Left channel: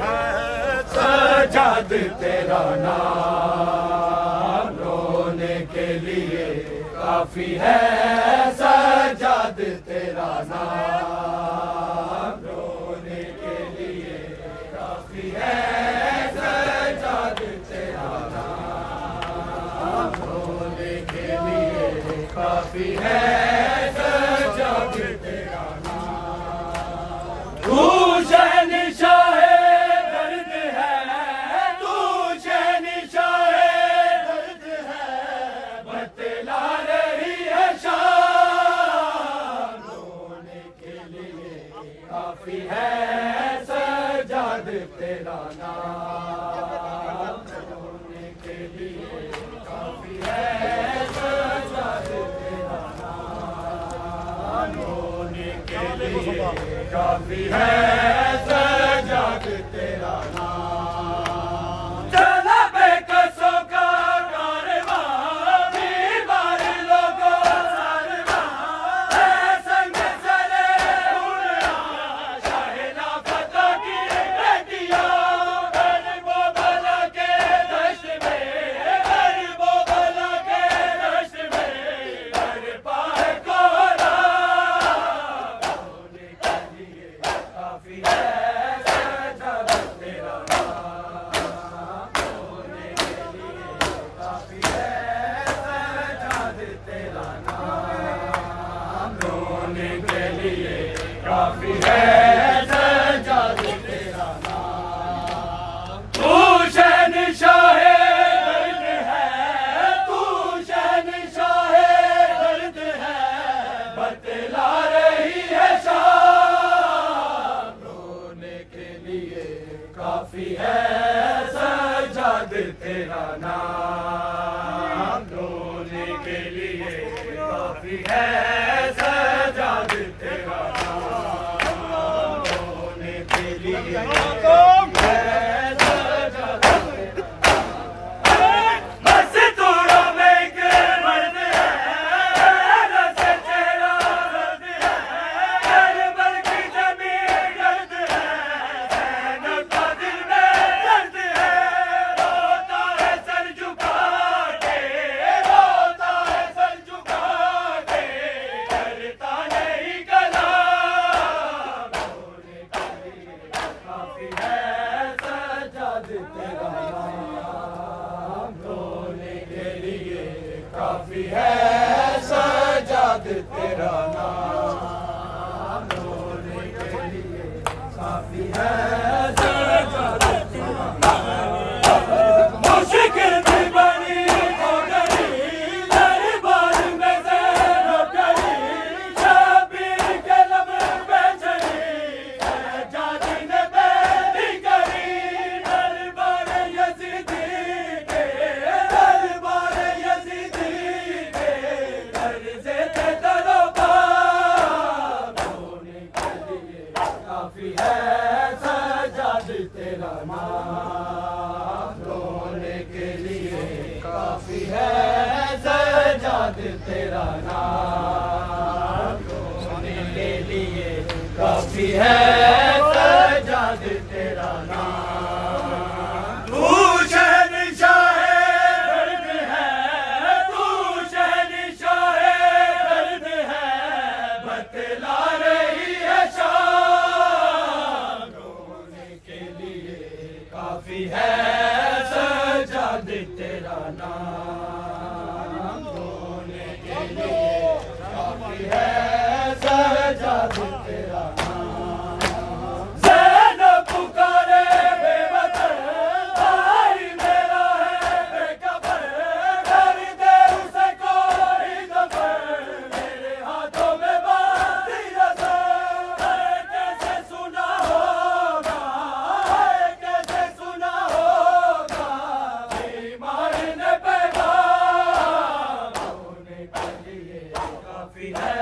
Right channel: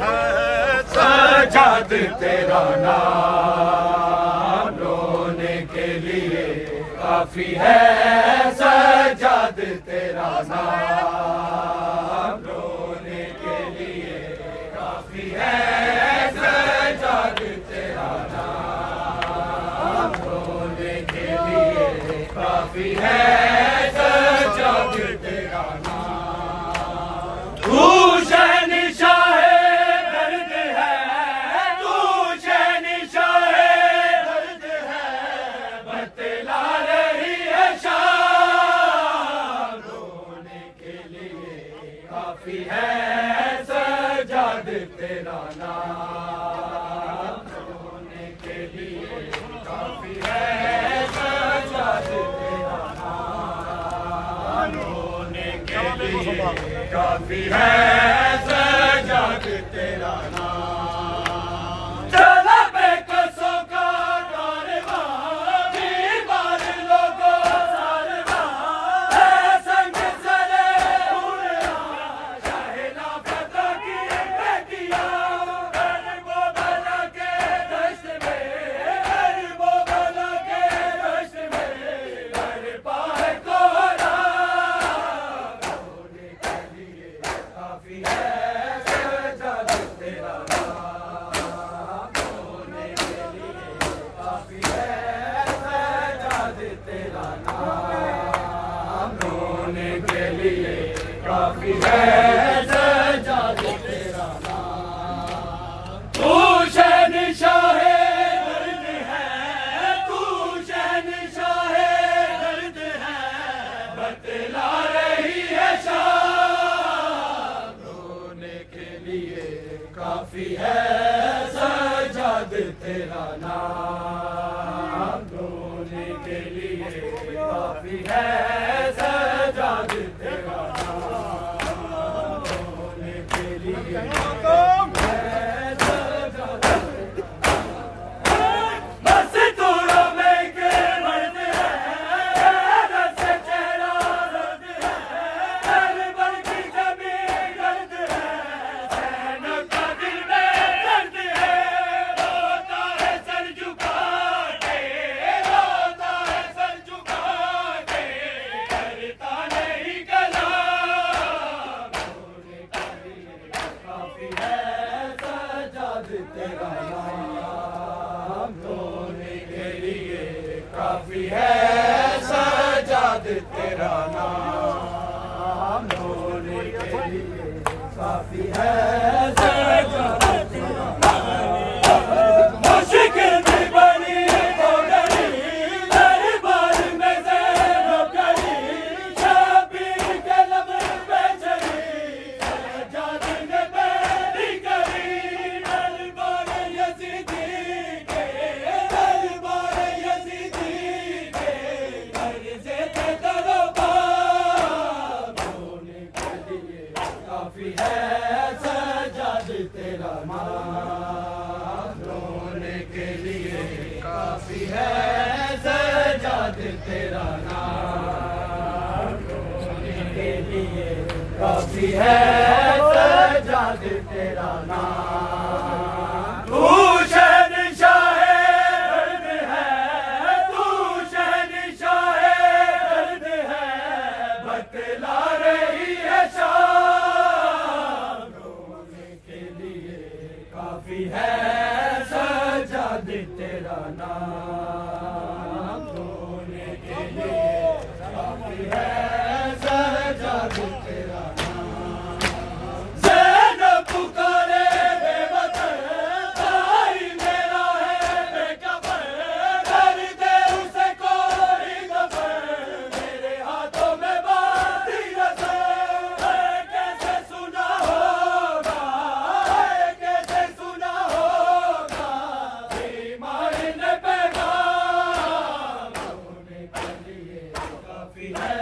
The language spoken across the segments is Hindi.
है सजाद तेरा नाम, रोने के लिए काफी है सजाद तेरा नाम, रोने के लिए काफी है सजाद तेरा नाम, रोने के लिए काफी है सजाद तेरा नाम। तू शहंशाह दर्द है, तू शहंशाह दर्द है, बतला रही है शाम, रोने के लिए काफी है सजाद तेरा नाम, रोने के लिए काफी है सजाद तेरा नाम, रोने के लिए काफी है सजाद तेरा नाम। चला बेकसों का कारवां, बीमार लोगों सारवां, है संग चले उड़ना शाहिला फता की बेटियां, गरीबों भला के दश्त में, गरीबों भला के दश्त में हर पाए कोहरा, रोने के लिए काफी है सजाद तेरा नाम, रोने के लिए काफी है सजाद तेरा नाम, रोने के लिए काफी है सजाद तेरा नाम। तू शहंशाह दर्द है, तू शहंशाह दर्द है, बतला रही है शाम, रोने के लिए काफी है सजाद तेरा नाम, रोने के लिए काफी है सजाद तेरा नाम, रोने के लिए काफी है सजाद तेरा नाम। बस तोड़ो में एक मर्द है, रस चेहरा दर्द है, करबल की जमीन दर्द है, ज़ैनब का दिल में दर्द है, रोता है सर झुका के, रोता है सर झुका के, करता नहीं कलाम, रोने के लिए काफी है सजाद तेरा नाम, रोने के लिए काफी है सजाद तेरा नाम, रोने के लिए काफी है सजाद तेरा नाम। मुश्किल भी बनी हो गई दरबार में ज़ैनब गई, शबीर के लब पे चढ़ी सजाद ने बेदी करी, दरबार यज़ीदी के, दरबार यज़ीदी के कर्ज़े थे दरोबार, रोने के लिए काफी है सजाद तेरा नाम, रोने के लिए काफी है सजाद तेरा नाम, रोने के लिए काफी है सजाद तेरा नाम। तू शहंशाह दर्द है, तू शहंशाह दर्द है, बतला रही है शाम, रोने के लिए काफी है सजाद तेरा नाम, रोने के लिए काफी है सजाद तेरा नाम। ज़ैनब पुकारे बेवतन, भाई मेरा है बेकफन, कर दे उसे कोई दफन, मेरे हाथों में बांधी रस्म, कैसे सुना होगा, कैसे सुना होगा बीमार ने पैगाम, रोने के लिए काफी है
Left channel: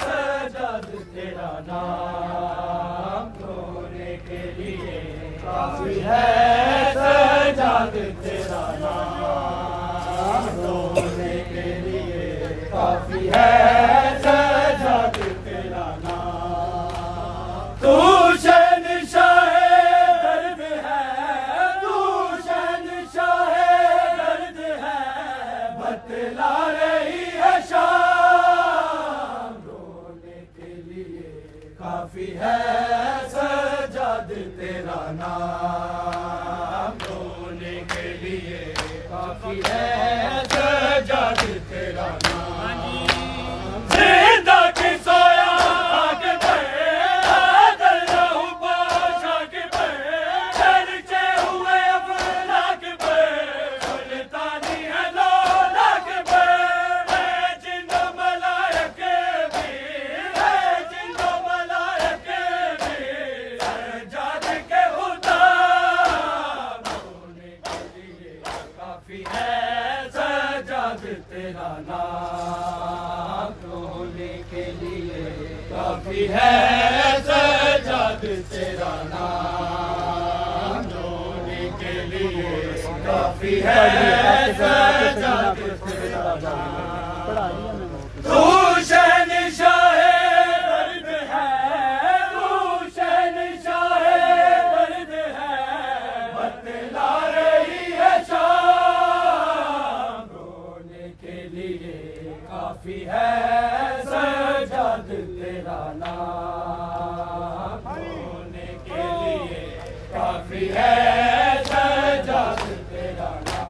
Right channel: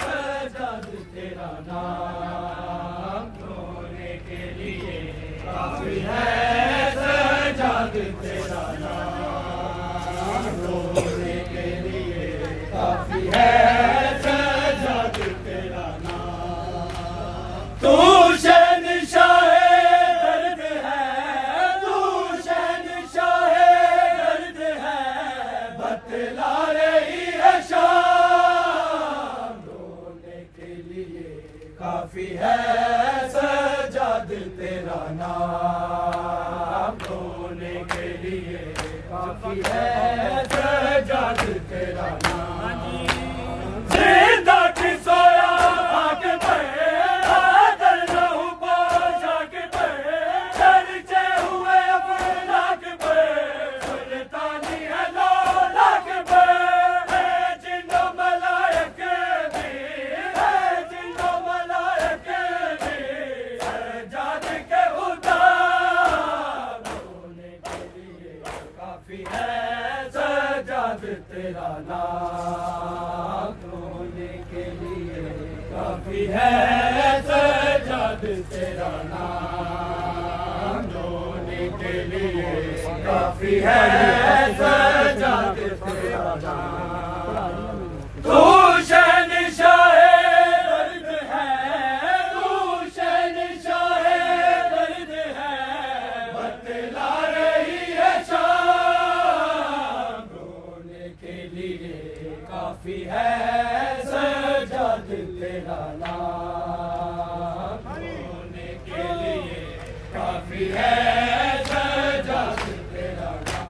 सजाद तेरा नाम, रोने के लिए काफी है सजाद तेरा नाम, रोने के लिए काफी है सजाद तेरा नाम। तू शहंशाह दर्द तेरा नाम रोने के लिए काफी है सजाद तेरा नाम जिंदा की सोया आके पे आदर रहूं बादशाह के पे चर्चे हुए अपना के पे सुल्तानी है लौला के पे है जिंदो मलायक भी है जिंदो मलायक भी सजाद के उतार रोने के लिए काफी है सजाद तेरा नाम रोने के लिए काफी है सजाद तेरा नाम रोने के लिए काफी है सजाद तेरा नाम तू शहंशाहे दर्द है तू शहंशाहे दर्द है बतला रही है शाम रोने के लिए काफी है सजाद तेरा नाम